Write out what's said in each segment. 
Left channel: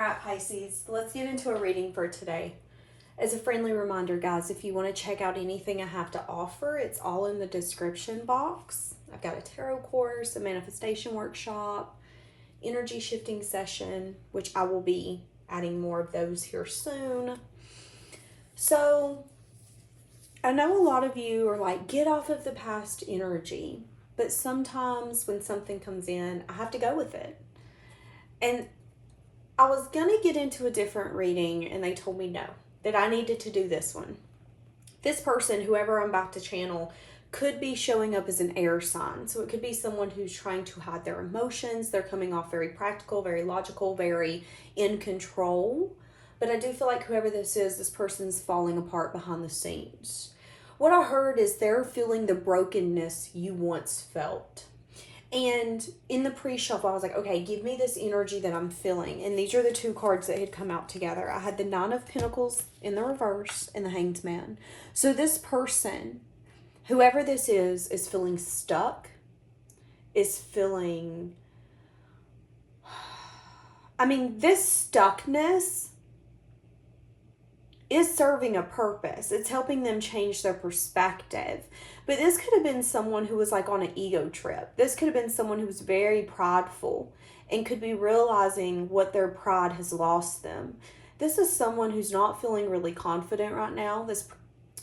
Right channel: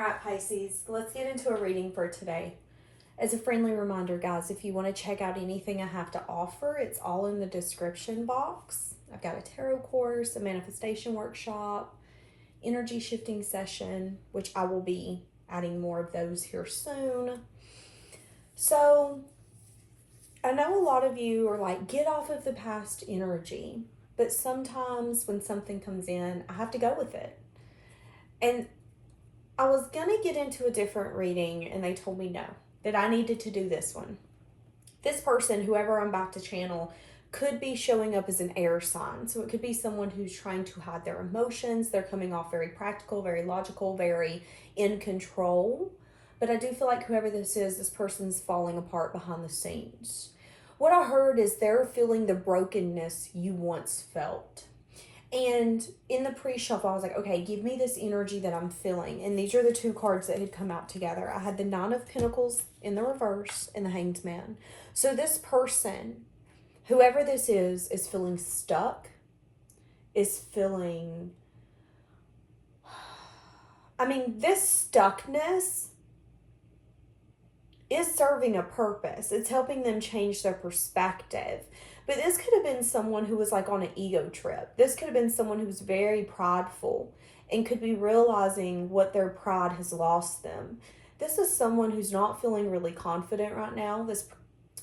Alright, Pisces, let's get into a reading for today. As a friendly reminder, guys, if you want to check out anything I have to offer, it's all in the description box. I've got a tarot course, a manifestation workshop, energy shifting session, which I will be adding more of those here soon. So, I know a lot of you are like, get off of the past energy, but sometimes when something comes in, I have to go with it. And I was gonna get into a different reading and they told me no, that I needed to do this one. This person, whoever I'm about to channel, could be showing up as an air sign. So it could be someone who's trying to hide their emotions. They're coming off very practical, very logical, very in control. But I do feel like whoever this person's falling apart behind the scenes. What I heard is they're feeling the brokenness you once felt. And in the pre-shuffle, I was like, okay, give me this energy that I'm feeling. And these are the two cards that had come out together. I had the Nine of Pentacles in the reverse and the Hanged Man. So this person, whoever this is feeling stuck, is feeling... I mean, this stuckness is serving a purpose. It's helping them change their perspective. But this could have been someone who was like on an ego trip. This could have been someone who was very prideful and could be realizing what their pride has lost them. This is someone who's not feeling really confident right now.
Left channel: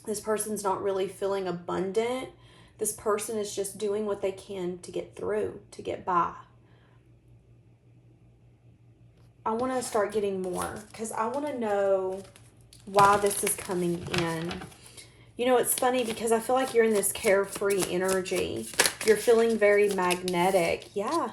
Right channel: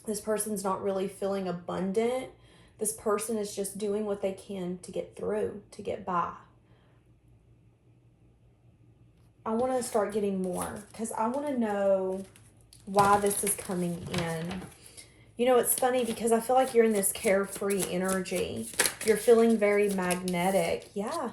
This person's not really feeling abundant. This person is just doing what they can to get through, to get by. I want to start getting more because I want to know why this is coming in. You know, it's funny because I feel like you're in this carefree energy. You're feeling very magnetic. Yeah.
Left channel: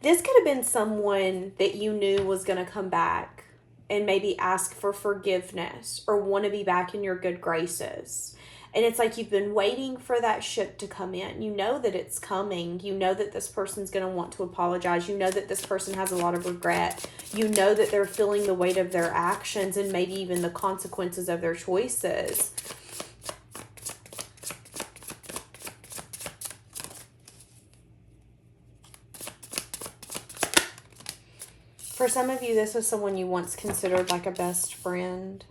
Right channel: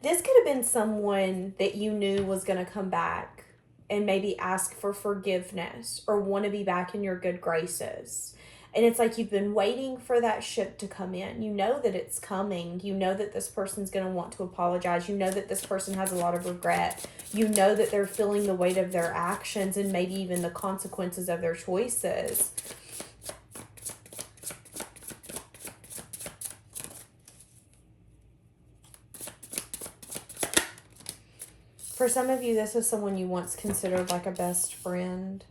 This could have been someone that you knew was going to come back and maybe ask for forgiveness or want to be back in your good graces. And it's like you've been waiting for that ship to come in. You know that it's coming. You know that this person's going to want to apologize. You know that this person has a lot of regret. You know that they're feeling the weight of their actions and maybe even the consequences of their choices. For some of you, this was someone you once considered like a best friend.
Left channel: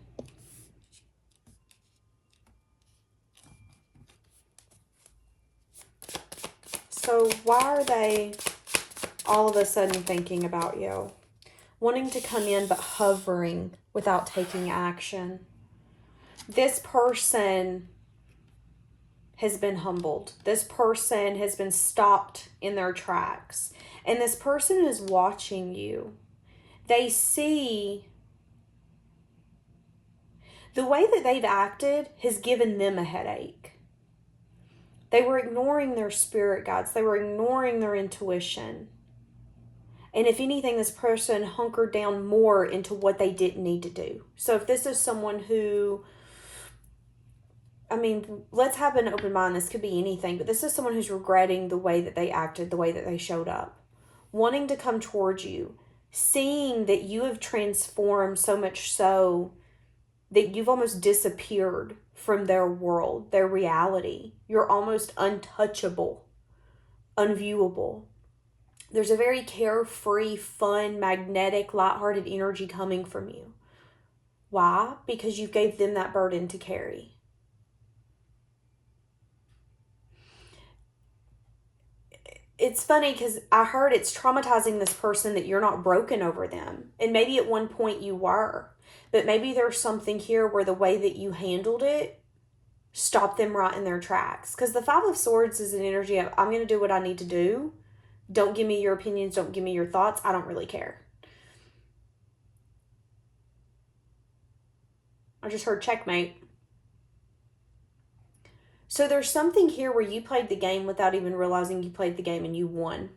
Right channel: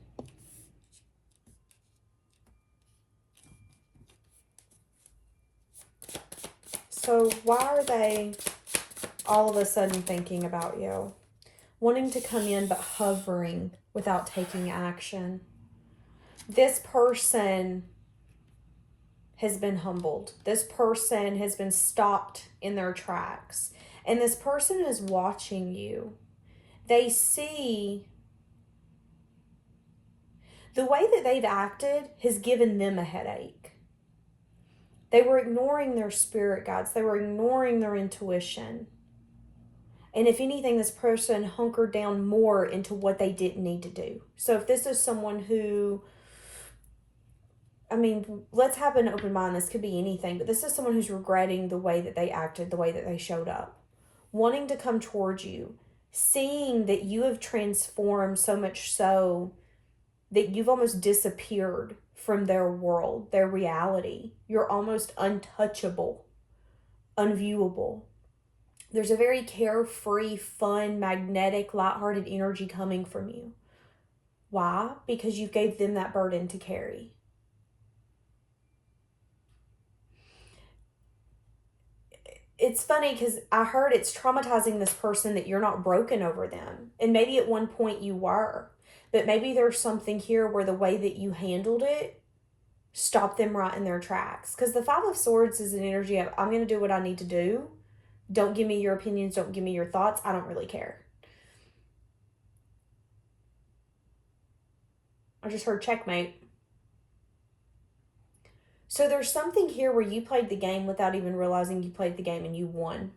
So why are they all of a sudden thinking about you? Wanting to come in but hovering without taking action. This person has been humbled. This person has been stopped in their tracks. And this person is watching you. They see the way that they've acted has given them a headache. They were ignoring their spirit guides. They were ignoring their intuition. And if anything, this person hunkered down more into what they didn't need to do. So if this is someone who, I mean, let's have an open mind. This could be anything. But this is someone who's regretting the way that they acted, the way that they showed up. Wanting to come towards you. Seeing that you have transformed so much so that you've almost disappeared from their world, their reality. You're almost untouchable, unviewable. There's a very carefree, fun, magnetic, lighthearted energy coming from you. Why? Because you gave them that burden to carry. It's funny because I heard it's traumatizing this person that you're not broken over them. And maybe at one point you were. But maybe there's something here where the way that you handled it stopped them right in their tracks. Because the Five of Swords is an energy of, I'm going to do what I need to do. Don't give me your opinions. Don't give me your thoughts. I don't really care. I just heard checkmate. So there's something here where you played the game without even realizing you played the game and you won.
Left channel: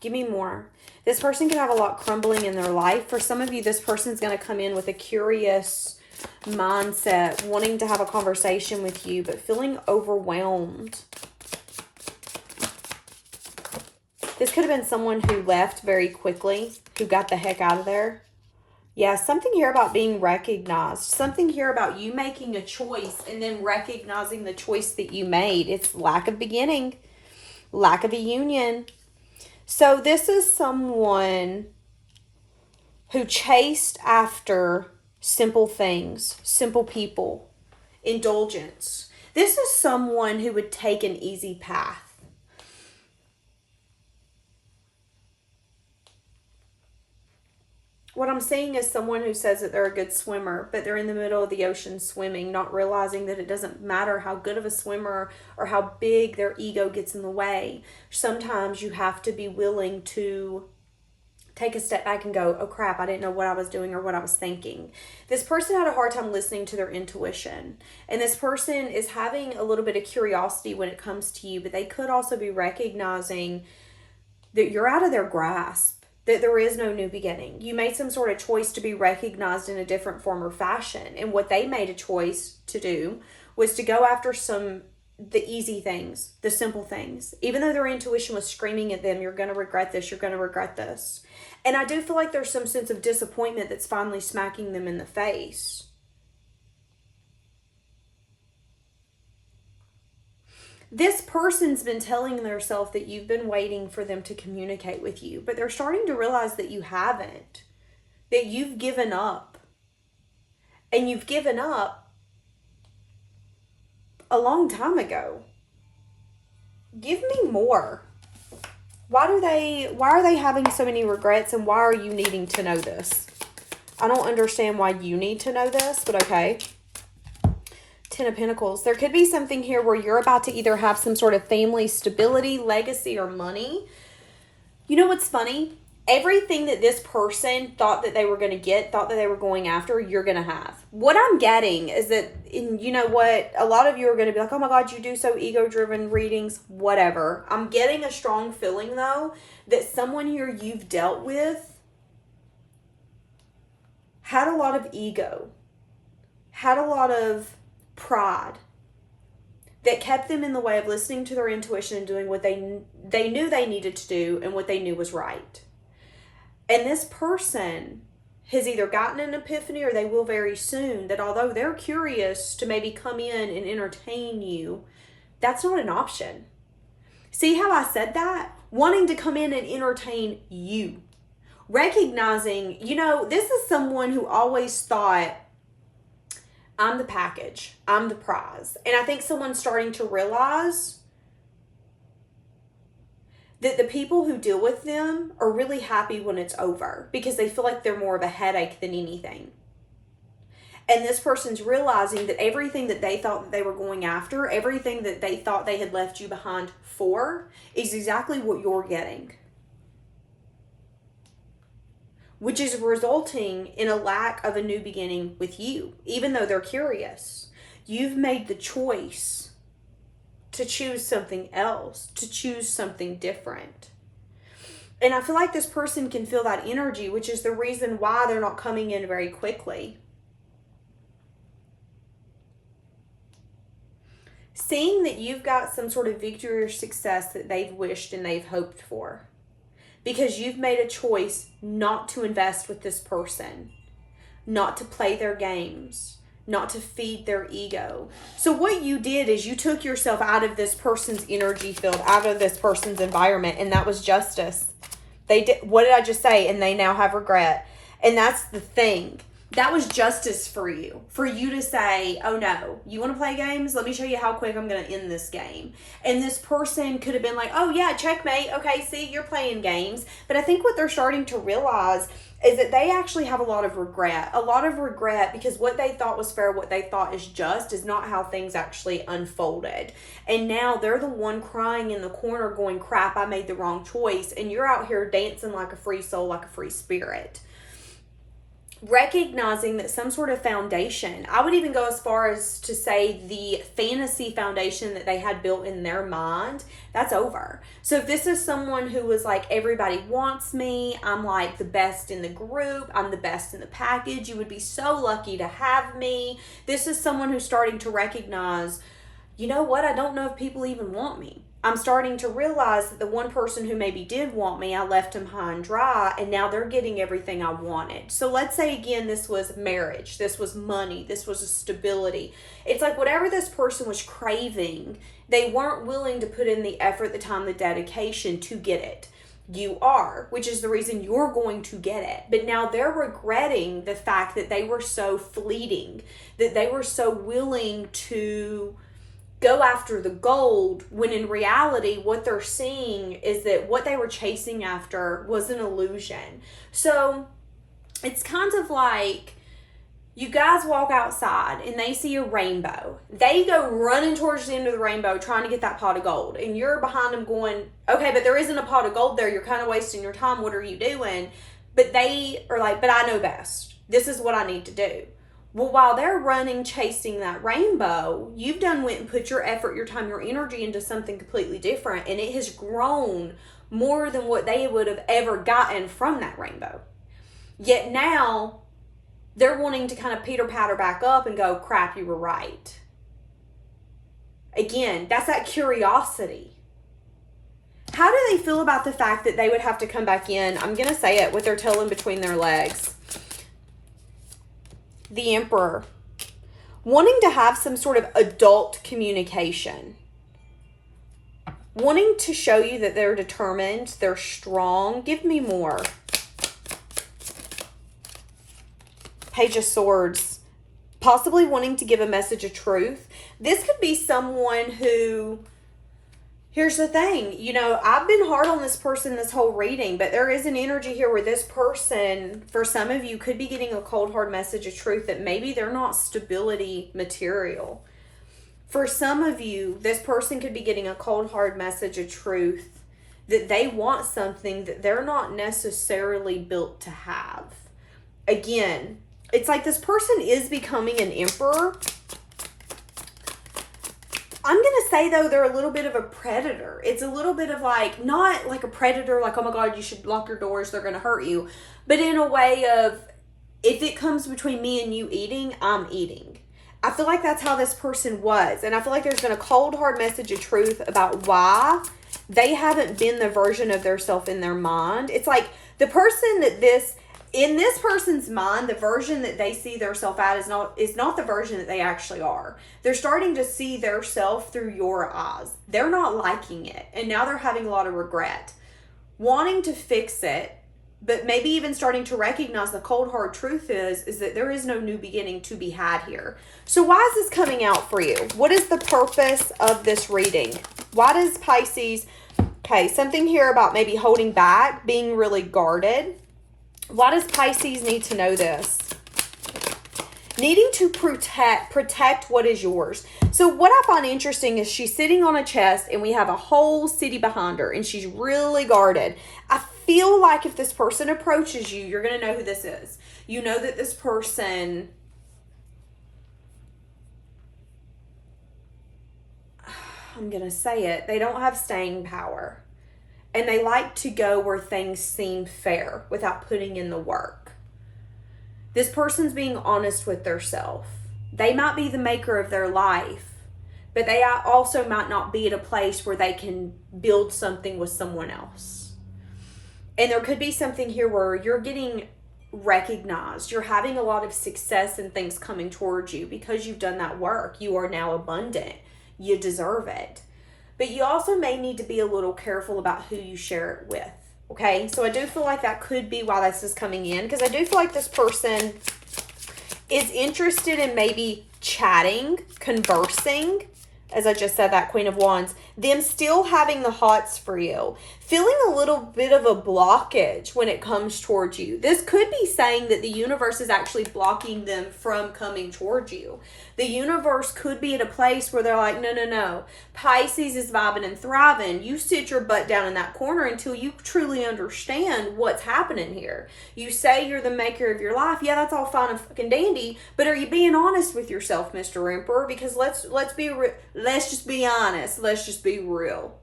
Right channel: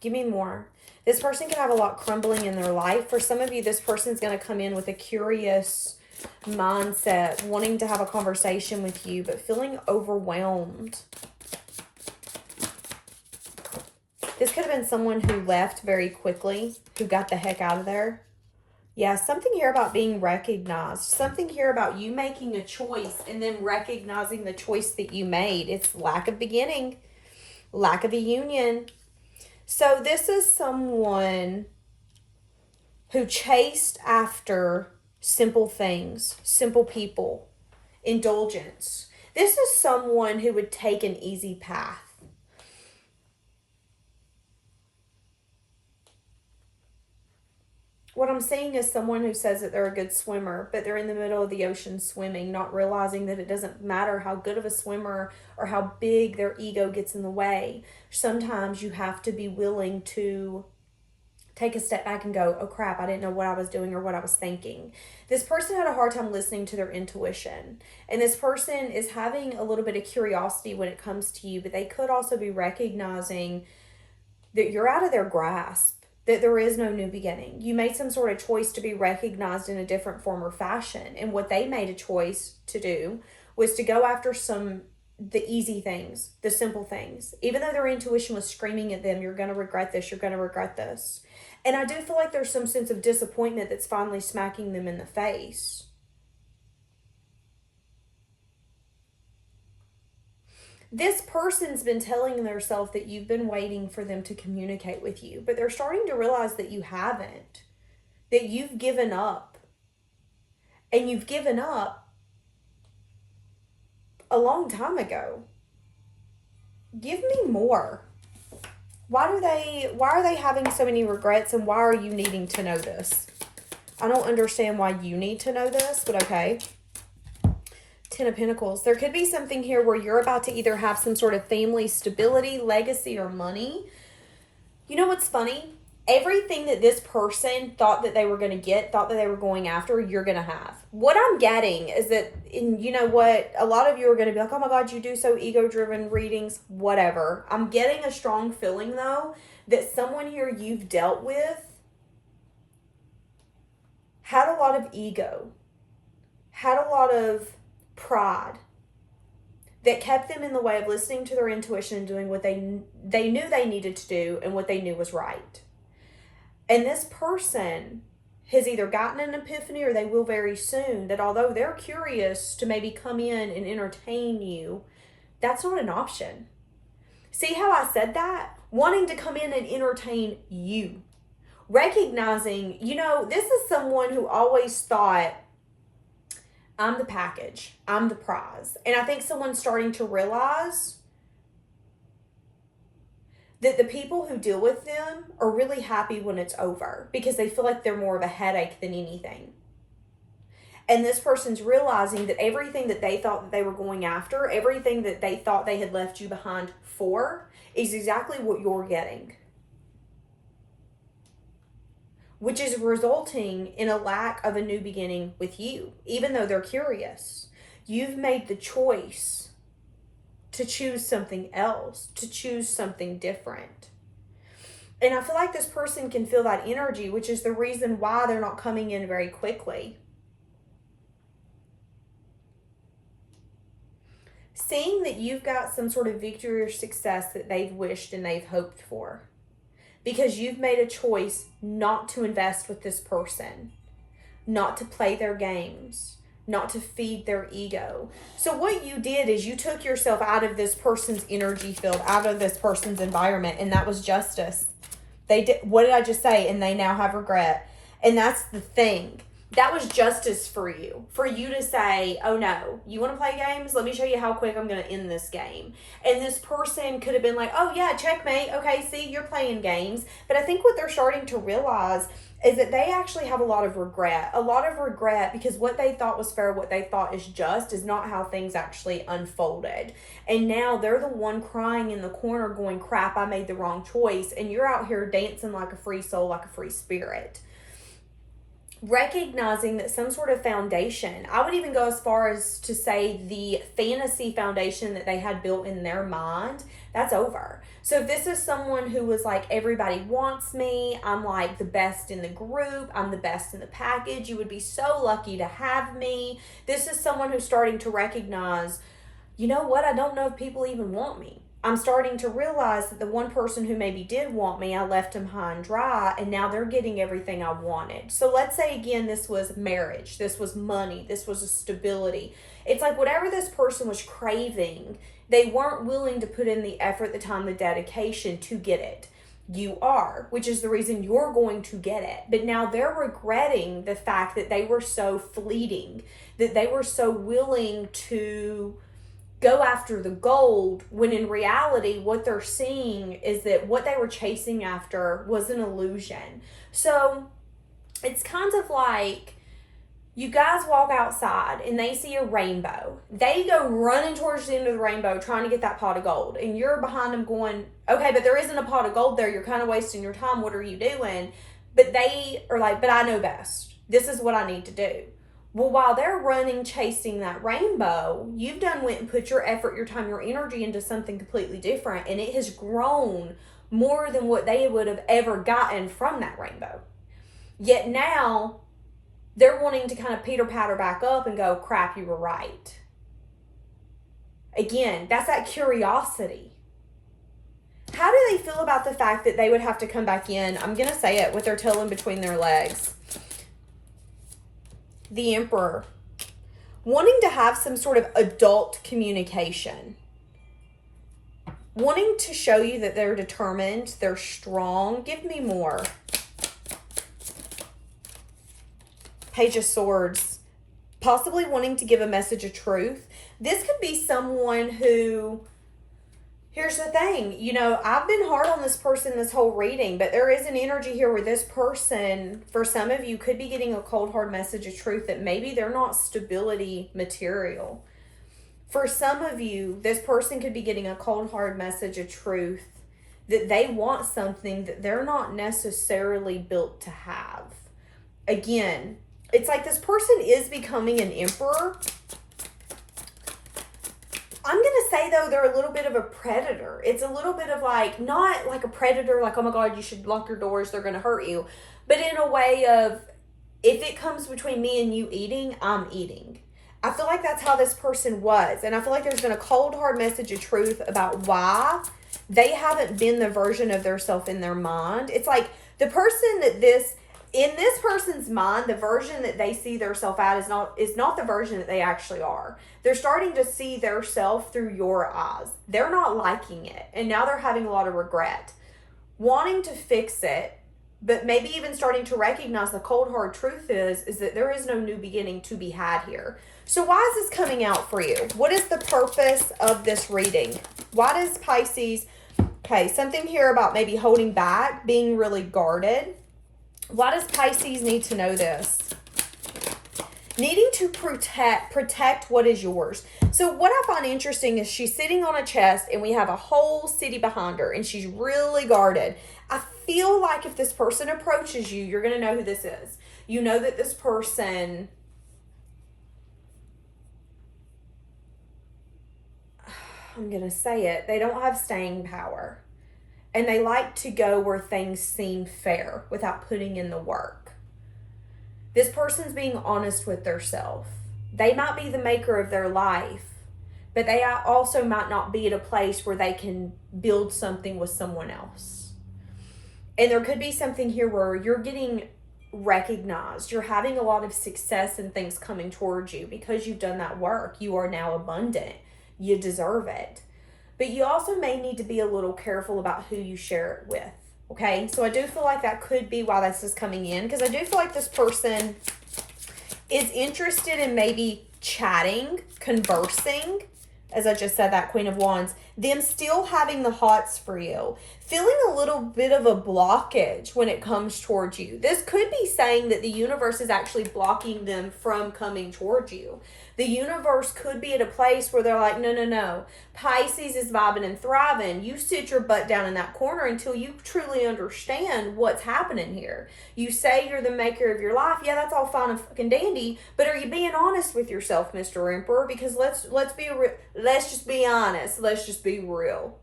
Give me more. This person can have a lot crumbling in their life. For some of you, this person's going to come in with a curious mindset, wanting to have a conversation with you, but feeling overwhelmed. This could have been someone who left very quickly, who got the heck out of there. Yeah, something here about being recognized. Something here about you making a choice and then recognizing the choice that you made. It's lack of beginning. Lack of a union. So this is someone who chased after simple things, simple people, indulgence. This is someone who would take an easy path. What I'm seeing is someone who says that they're a good swimmer, but they're in the middle of the ocean swimming, not realizing that it doesn't matter how good of a swimmer or how big their ego gets in the way. Sometimes you have to be willing to take a step back and go, oh crap, I didn't know what I was doing or what I was thinking. This person had a hard time listening to their intuition. And this person is having a little bit of curiosity when it comes to you, but they could also be recognizing that you're out of their grasp, that there is no new beginning. You made some sort of choice to be recognized in a different form or fashion. And what they made a choice to do was to go after the easy things, the simple things. Even though their intuition was screaming at them, you're going to regret this, you're going to regret this. And I do feel like there's some sense of disappointment that's finally smacking them in the face. This person's been telling themselves that you've been waiting for them to communicate with you, but they're starting to realize that you haven't, that you've given up. And you've given up a long time ago. Give me more. Why are they having so many regrets, and why are you needing to know this? I don't understand why you need to know this, but okay. 10 of Pentacles. There could be something here where you're about to either have some sort of family stability, legacy, or money. You know what's funny? Everything that this person thought that they were going to get, thought that they were going after, you're going to have. What I'm getting is that, you know what, a lot of you are going to be like, oh my God, you do so ego-driven readings, whatever. I'm getting a strong feeling, though, that someone here you've dealt with had a lot of ego, had a lot of pride that kept them in the way of listening to their intuition and doing what they knew they needed to do and what they knew was right. And this person has either gotten an epiphany, or they will very soon, that although they're curious to maybe come in and entertain you, that's not an option. See how I said that? Wanting to come in and entertain you. Recognizing, you know, this is someone who always thought, I'm the package, I'm the prize. And I think someone's starting to realize that the people who deal with them are really happy when it's over, because they feel like they're more of a headache than anything. And this person's realizing that everything that they thought that they were going after, everything that they thought they had left you behind for, is exactly what you're getting. Which is resulting in a lack of a new beginning with you, even though they're curious. You've made the choice to choose something else, to choose something different. And I feel like this person can feel that energy, which is the reason why they're not coming in very quickly. Seeing that you've got some sort of victory or success that they've wished and they've hoped for. Because you've made a choice not to invest with this person, not to play their games, not to feed their ego. So what you did is you took yourself out of this person's energy field, out of this person's environment, and that was justice. They did, what did I just say? And they now have regret. And that's the thing. That was justice for you to say, oh no, you want to play games? Let me show you how quick I'm going to end this game. And this person could have been like, oh yeah, checkmate. Okay, see, you're playing games. But I think what they're starting to realize is that they actually have a lot of regret because what they thought was fair, what they thought is just, is not how things actually unfolded. And now they're the one crying in the corner going, crap, I made the wrong choice. And you're out here dancing like a free soul, like a free spirit. Recognizing that some sort of foundation, I would even go as far as to say the fantasy foundation that they had built in their mind, that's over. So if this is someone who was like, everybody wants me, I'm like the best in the group, I'm the best in the package, you would be so lucky to have me. This is someone who's starting to recognize, you know what? I don't know if people even want me. I'm starting to realize that the one person who maybe did want me, I left them high and dry, and now they're getting everything I wanted. So let's say again, this was marriage, this was money, this was a stability. It's like whatever this person was craving, they weren't willing to put in the effort, the time, the dedication to get it. You are, which is the reason you're going to get it. But now they're regretting the fact that they were so fleeting, that they were so willing to go after the gold, when in reality what they're seeing is that what they were chasing after was an illusion. So it's kind of like you guys walk outside and they see a rainbow. They go running towards the end of the rainbow trying to get that pot of gold, and you're behind them going, okay, but there isn't a pot of gold there. You're kind of wasting your time. What are you doing? But they are like, but I know best. This is what I need to do. Well, while they're running, chasing that rainbow, you've went and put your effort, your time, your energy into something completely different, and it has grown more than what they would have ever gotten from that rainbow. Yet now, they're wanting to kind of pitter-patter back up and go, crap, you were right. Again, that's that curiosity. How do they feel about the fact that they would have to come back in, I'm going to say it, with their tail in between their legs? The Emperor, wanting to have some sort of adult communication, wanting to show you that they're determined, they're strong. Give me more. Page of Swords, possibly wanting to give a message of truth. This could be someone who, here's the thing, you know, I've been hard on this person this whole reading, but there is an energy here where this person, for some of you, could be getting a cold, hard message of truth that maybe they're not stability material. For some of you, this person could be getting a cold, hard message of truth that they want something that they're not necessarily built to have. Again, it's like this person is becoming an emperor. I'm going to say, though, they're a little bit of a predator. It's a little bit of like, not like a predator, like, oh my God, you should lock your doors, they're going to hurt you. But in a way of, if it comes between me and you eating, I'm eating. I feel like that's how this person was. And I feel like there's been a cold, hard message of truth about why they haven't been the version of their self in their mind. It's like the person that in this person's mind, the version that they see their self at is not the version that they actually are. They're starting to see their self through your eyes. They're not liking it. And now they're having a lot of regret. Wanting to fix it, but maybe even starting to recognize the cold, hard truth is that there is no new beginning to be had here. So why is this coming out for you? What is the purpose of this reading? Why does Pisces, okay, something here about maybe holding back, being really guarded. Why does Pisces need to know this? Needing to protect what is yours. So what I find interesting is she's sitting on a chest and we have a whole city behind her and she's really guarded. I feel like if this person approaches you, you're going to know who this is. You know that this person, I'm going to say it, they don't have staying power. And they like to go where things seem fair without putting in the work. This person's being honest with themselves. They might be the maker of their life, but they also might not be at a place where they can build something with someone else. And there could be something here where you're getting recognized. You're having a lot of success and things coming towards you because you've done that work. You are now abundant. You deserve it. But you also may need to be a little careful about who you share it with, okay? So I do feel like that could be why this is coming in, because I do feel like this person is interested in maybe chatting, conversing, as I just said, that Queen of Wands, them still having the hots for you, feeling a little bit of a blockage when it comes towards you. This could be saying that the universe is actually blocking them from coming towards you. The universe could be at a place where they're like, no. Pisces is vibing and thriving. You sit your butt down in that corner until you truly understand what's happening here. You say you're the maker of your life. Yeah, that's all fine and fucking dandy. But are you being honest with yourself, Mr. Emperor? Because let's just be honest. Let's just be real.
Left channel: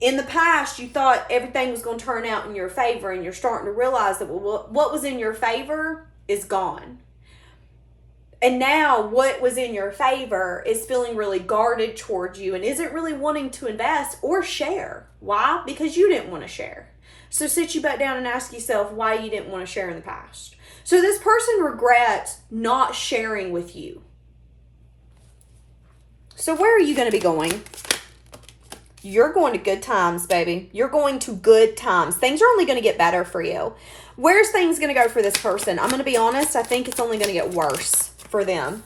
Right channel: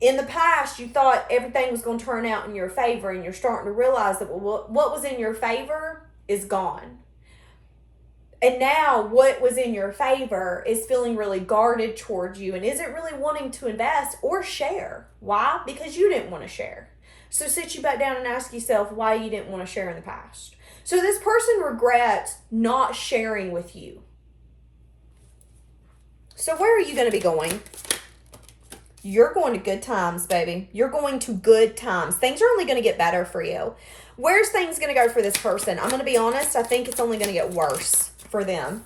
In the past, you thought everything was going to turn out in your favor, and you're starting to realize that what was in your favor is gone. And now what was in your favor is feeling really guarded towards you and isn't really wanting to invest or share. Why? Because you didn't want to share. So sit you back down and ask yourself why you didn't want to share in the past. So this person regrets not sharing with you. So where are you going to be going? You're going to good times, baby. You're going to good times. Things are only going to get better for you. Where's things going to go for this person? I'm going to be honest. I think it's only going to get worse for them.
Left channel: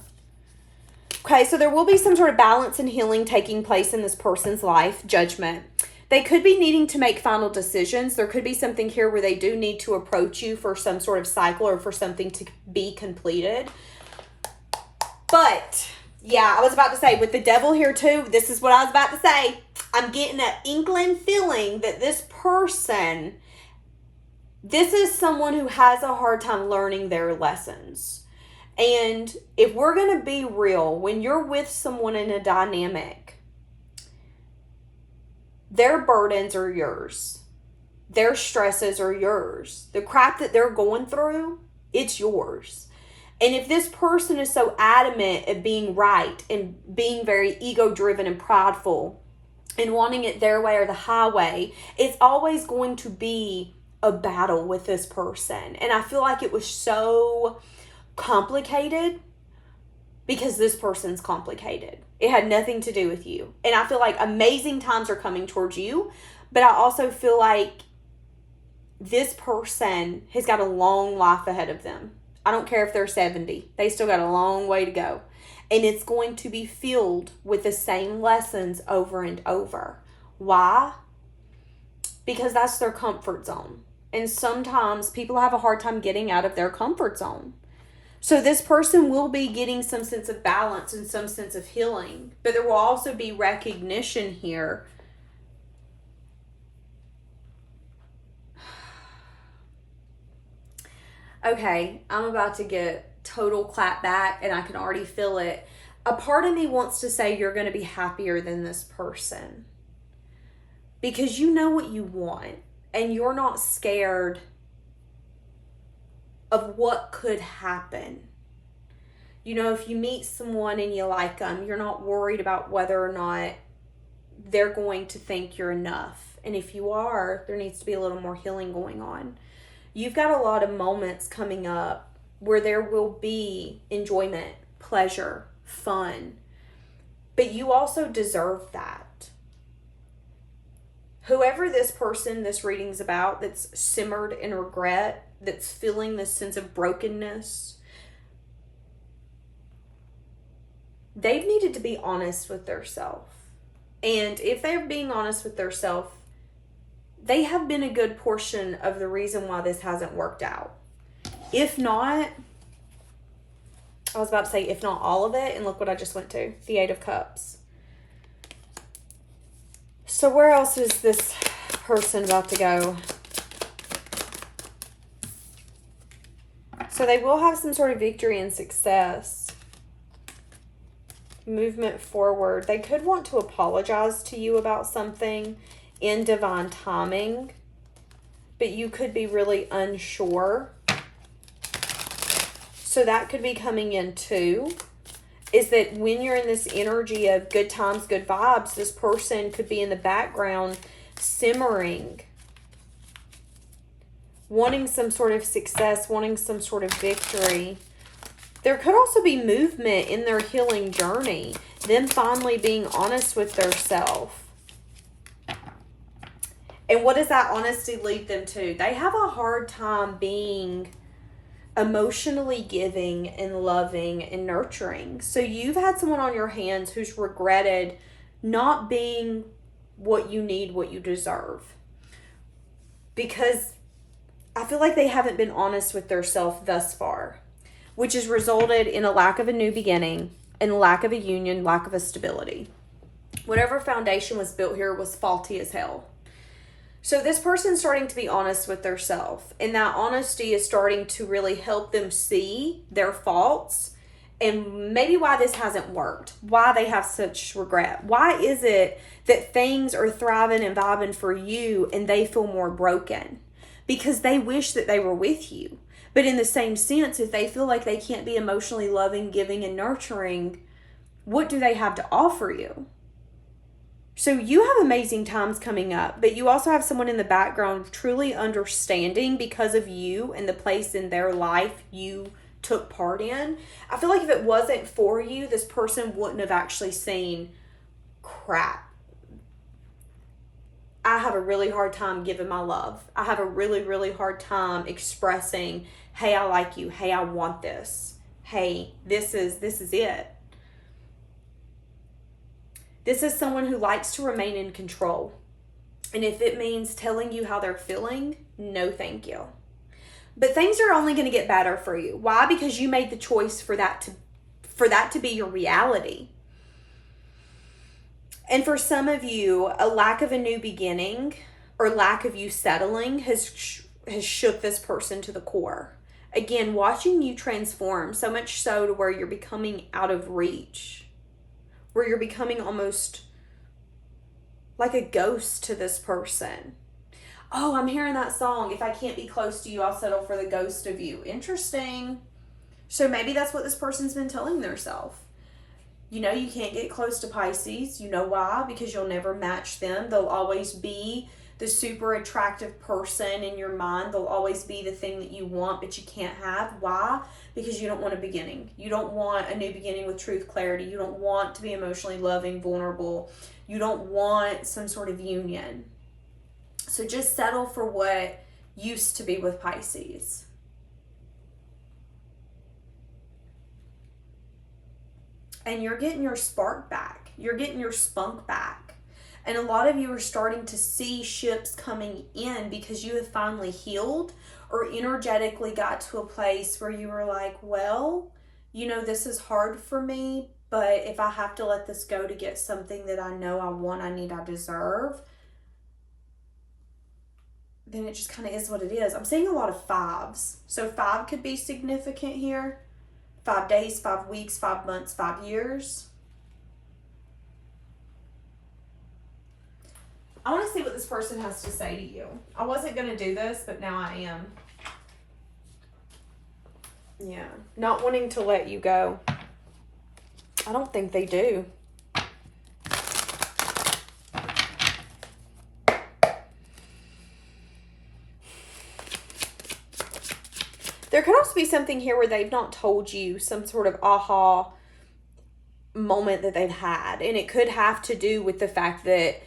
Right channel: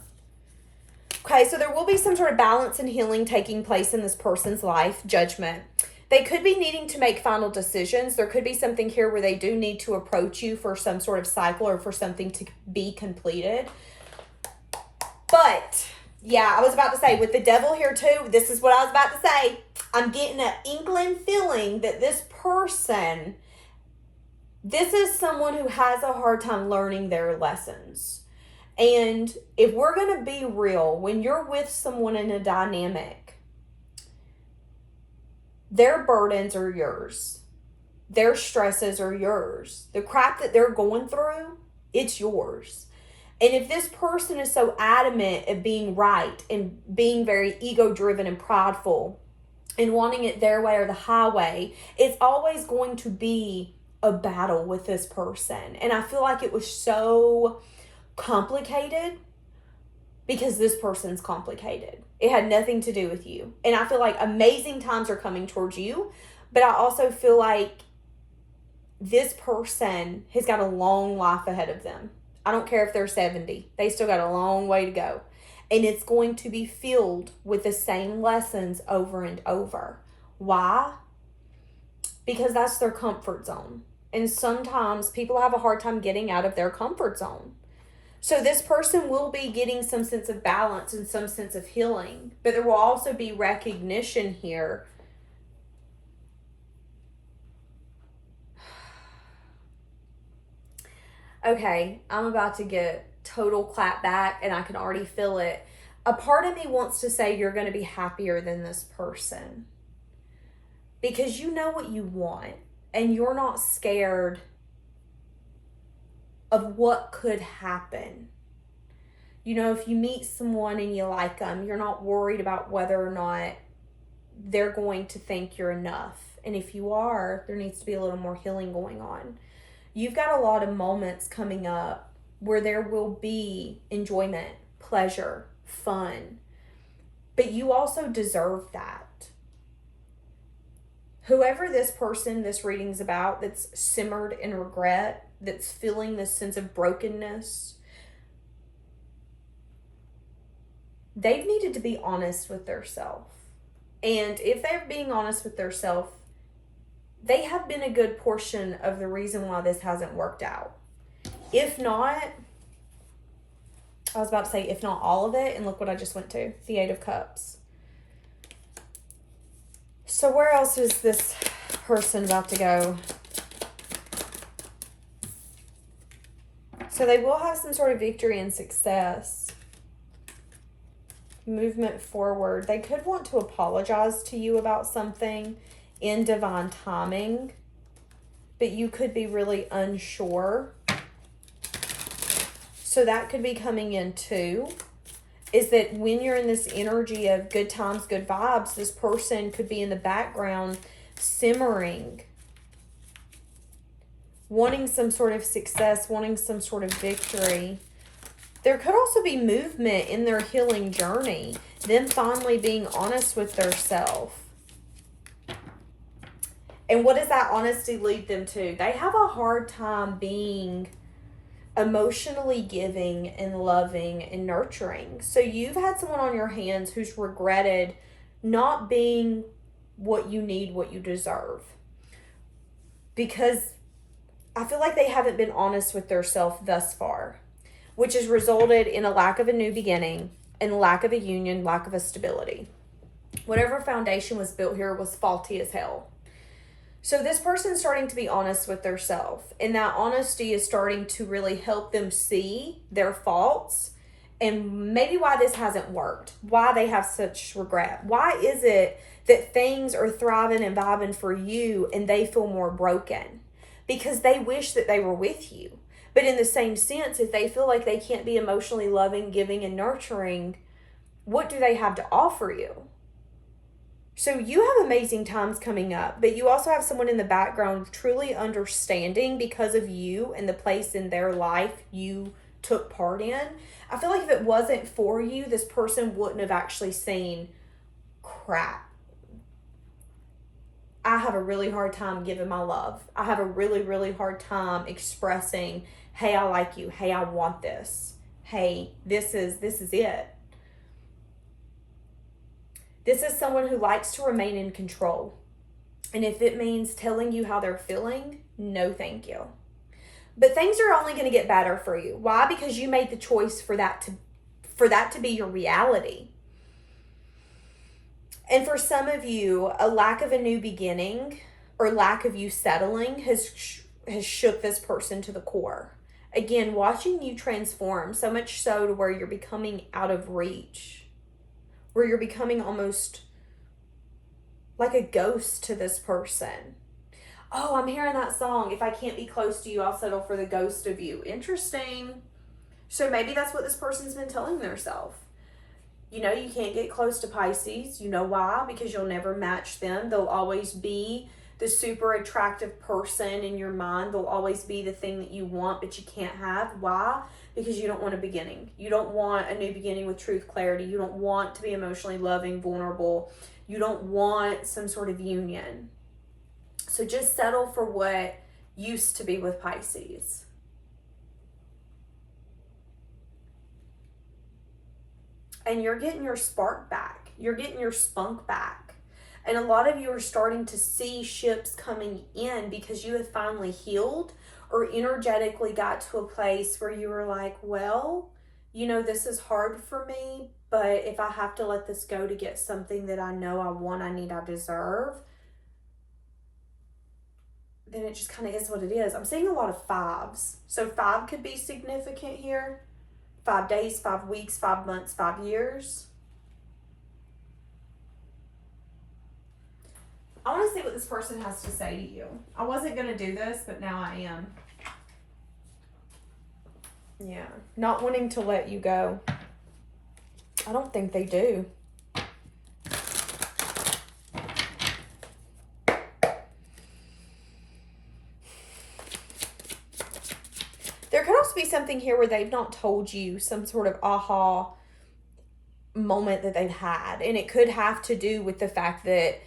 Okay, so there will be some sort of balance and healing taking place in this person's life. Judgment. They could be needing to make final decisions. There could be something here where they do need to approach you for some sort of cycle or for something to be completed. But yeah, I was about to say, with the devil here too, this is what I was about to say. I'm getting an inkling feeling that this person, this is someone who has a hard time learning their lessons. And if we're going to be real, when you're with someone in a dynamic, their burdens are yours. Their stresses are yours. The crap that they're going through, it's yours. And if this person is so adamant at being right and being very ego-driven and prideful and wanting it their way or the highway, it's always going to be a battle with this person. And I feel like it was so complicated because this person's complicated. It had nothing to do with you. And I feel like amazing times are coming towards you, but I also feel like this person has got a long life ahead of them. I don't care if they're 70. They still got a long way to go. And it's going to be filled with the same lessons over and over. Why? Because that's their comfort zone. And sometimes people have a hard time getting out of their comfort zone. So this person will be getting some sense of balance and some sense of healing. But there will also be recognition here. Okay, I'm about to get total clap back and I can already feel it. A part of me wants to say you're going to be happier than this person because you know what you want and you're not scared of what could happen. You know, if you meet someone and you like them, you're not worried about whether or not they're going to think you're enough. And if you are, there needs to be a little more healing going on. You've got a lot of moments coming up where there will be enjoyment, pleasure, fun, but you also deserve that. Whoever this person this reading's about that's simmered in regret, that's feeling this sense of brokenness, they've needed to be honest with themselves. And if they're being honest with themselves, they have been a good portion of the reason why this hasn't worked out. If not, I was about to say, if not all of it, and look what I just went to, the 8 of Cups. So where else is this person about to go? So they will have some sort of victory and success. Movement forward. They could want to apologize to you about something in divine timing, but you could be really unsure. So that could be coming in too, is that when you're in this energy of good times, good vibes, this person could be in the background simmering, wanting some sort of success, wanting some sort of victory. There could also be movement in their healing journey, them finally being honest with themselves. And what does that honesty lead them to? They have a hard time being emotionally giving and loving and nurturing. So you've had someone on your hands who's regretted not being what you need, what you deserve. Because I feel like they haven't been honest with themselves thus far, which has resulted in a lack of a new beginning and lack of a union, lack of a stability. Whatever foundation was built here was faulty as hell. So this person's starting to be honest with themselves, and that honesty is starting to really help them see their faults and maybe why this hasn't worked, why they have such regret. Why is it that things are thriving and vibing for you and they feel more broken? Because they wish that they were with you, But in the same sense, if they feel like they can't be emotionally loving, giving, and nurturing, what do they have to offer you? So you have amazing times coming up, but you also have someone in the background truly understanding because of you and the place in their life you took part in. I feel like if it wasn't for you, this person wouldn't have actually seen, crap, I have a really hard time giving my love. I have a really, really hard time expressing, hey, I like you. Hey, I want this. Hey, this is it. This is someone who likes to remain in control. And if it means telling you how they're feeling, no thank you. But things are only going to get better for you. Why? Because you made the choice for that to be your reality. And for some of you, a lack of a new beginning or lack of you settling has shook this person to the core. Again, watching you transform, so much so to where you're becoming out of reach, where you're becoming almost like a ghost to this person. Oh, I'm hearing that song. If I can't be close to you, I'll settle for the ghost of you. Interesting. So maybe that's what this person's been telling themselves. You know, you can't get close to Pisces. You know why? Because you'll never match them. They'll always be the super attractive person in your mind. They'll always be the thing that you want, but you can't have. Why? Because you don't want a beginning. You don't want a new beginning with truth, clarity. You don't want to be emotionally loving, vulnerable. You don't want some sort of union. So just settle for what used to be with Pisces. And you're getting your spark back. You're getting your spunk back. And a lot of you are starting to see ships coming in because you have finally healed or energetically got to a place where you were like, well, you know, this is hard for me, but if I have to let this go to get something that I know I want, I need, I deserve, then it just kind of is what it is. I'm seeing a lot of fives. So 5 could be significant here. 5 days, 5 weeks, 5 months, 5 years. I want to see what this person has to say to you. I wasn't going to do this, but now I am. Yeah. Not wanting to let you go. I don't think they do. There could also be something here where they've not told you some sort of aha moment that they've had. And it could have to do with the fact that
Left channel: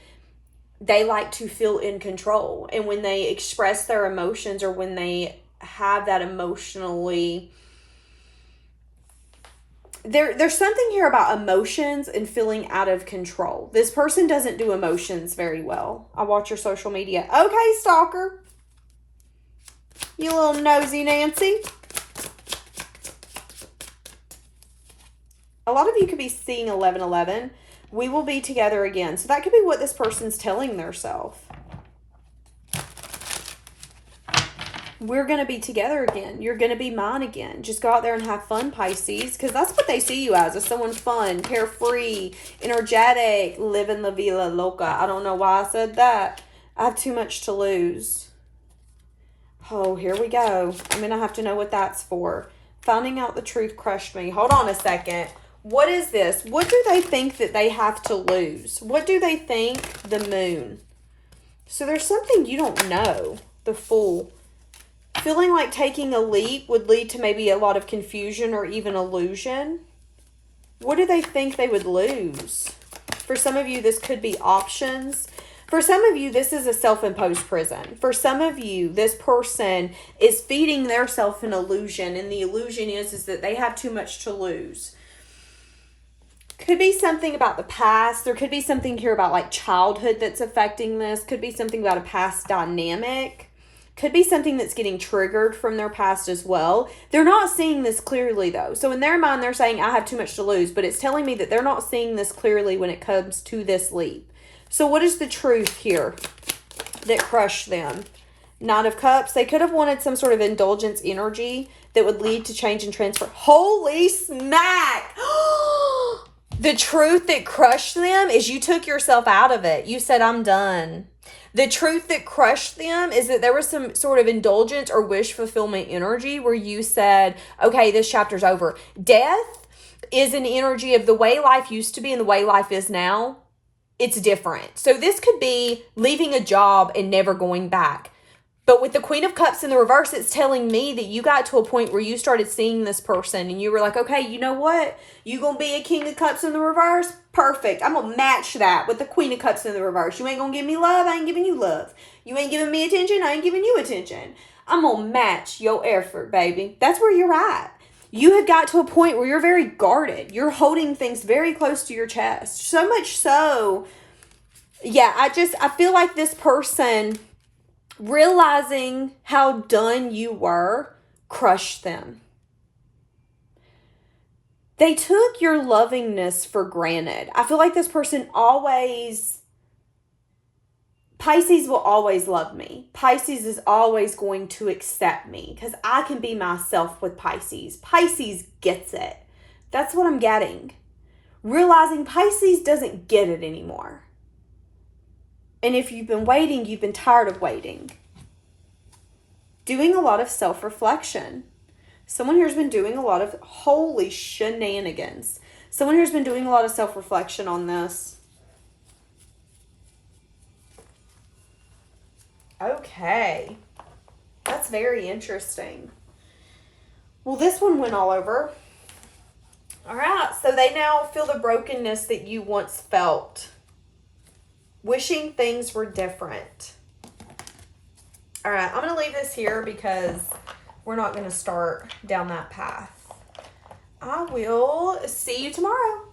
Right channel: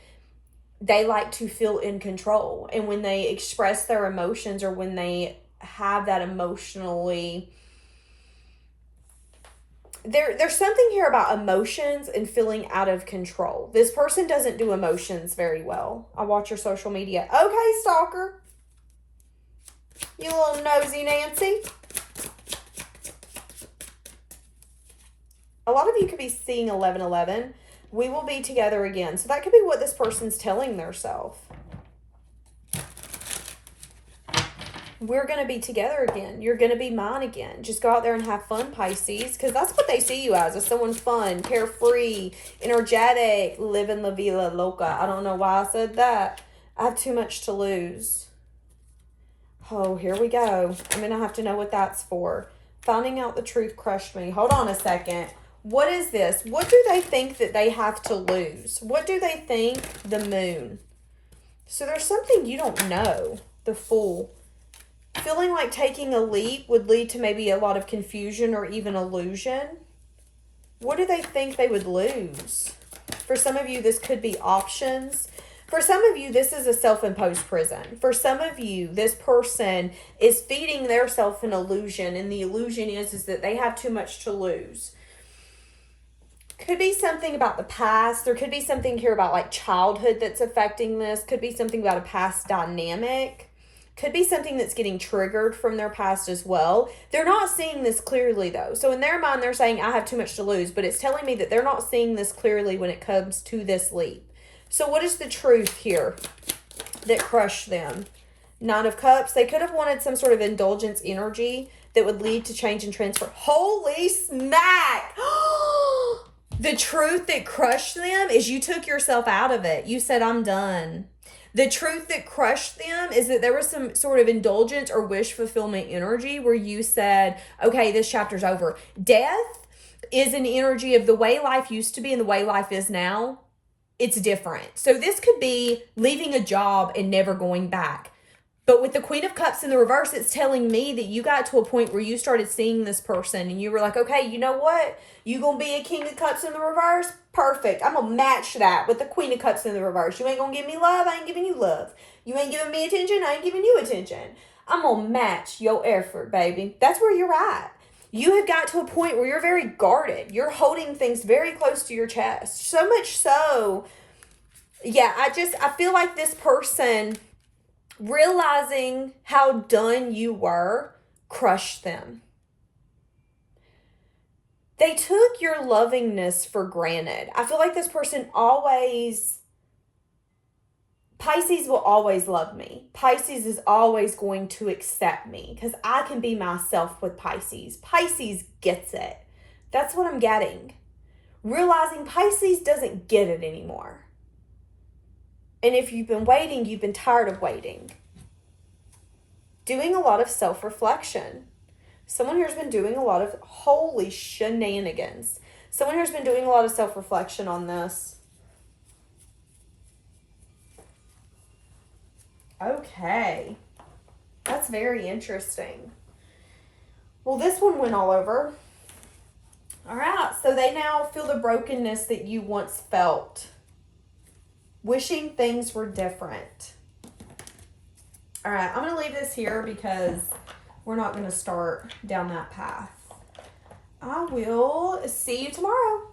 they like to feel in control. And when they express their emotions or when they have that emotionally... There's something here about emotions and feeling out of control. This person doesn't do emotions very well. I watch your social media. Okay, stalker. You little nosy Nancy. A lot of you could be seeing 1111. We will be together again. So that could be what this person's telling themselves. We're going to be together again. You're going to be mine again. Just go out there and have fun, Pisces. Because that's what they see you as someone fun, carefree, energetic, living la vida loca. I don't know why I said that. I have too much to lose. Oh, here we go. I'm going to have to know what that's for. Finding out the truth crushed me. Hold on a second. What is this? What do they think that they have to lose? What do they think? The moon. So there's something you don't know. The Fool. Feeling like taking a leap would lead to maybe a lot of confusion or even illusion. What do they think they would lose? For some of you, this could be options. For some of you, this is a self-imposed prison. For some of you, this person is feeding their self an illusion, and the illusion is that they have too much to lose. Could be something about the past. There could be something here about like childhood that's affecting this. Could be something about a past dynamic. Could be something that's getting triggered from their past as well. They're not seeing this clearly though. So in their mind, they're saying, I have too much to lose. But it's telling me that they're not seeing this clearly when it comes to this leap. So what is the truth here that crushed them? Knight of Cups. They could have wanted some sort of indulgence energy that would lead to change and transfer. Holy smack! The truth that crushed them is you took yourself out of it. You said, I'm done. The truth that crushed them is that there was some sort of indulgence or wish fulfillment energy where you said, okay, this chapter's over. Death is an energy of the way life used to be and the way life is now. It's different. So this could be leaving a job and never going back. But with the Queen of Cups in the reverse, it's telling me that you got to a point where you started seeing this person and you were like, okay, you know what? You gonna be a King of Cups in the reverse? Perfect. I'm gonna match that with the Queen of Cups in the reverse. You ain't gonna give me love, I ain't giving you love. You ain't giving me attention, I ain't giving you attention. I'm gonna match your effort, baby. That's where you're at. You have got to a point where you're very guarded. You're holding things very close to your chest. So much so, yeah, I feel like this person realizing how done you were crushed them. They took your lovingness for granted. I feel like this person Pisces will always love me. Pisces is always going to accept me because I can be myself with Pisces. Pisces gets it. That's what I'm getting. Realizing Pisces doesn't get it anymore. And if you've been waiting, you've been tired of waiting. Doing a lot of self-reflection. Someone here's been doing a lot of holy shenanigans. Someone here's been doing a lot of self-reflection on this. Okay. That's very interesting. Well, this one went all over. All right. So they now feel the brokenness that you once felt. Wishing things were different. All right. I'm going to leave this here because we're not going to start down that path. I will see you tomorrow.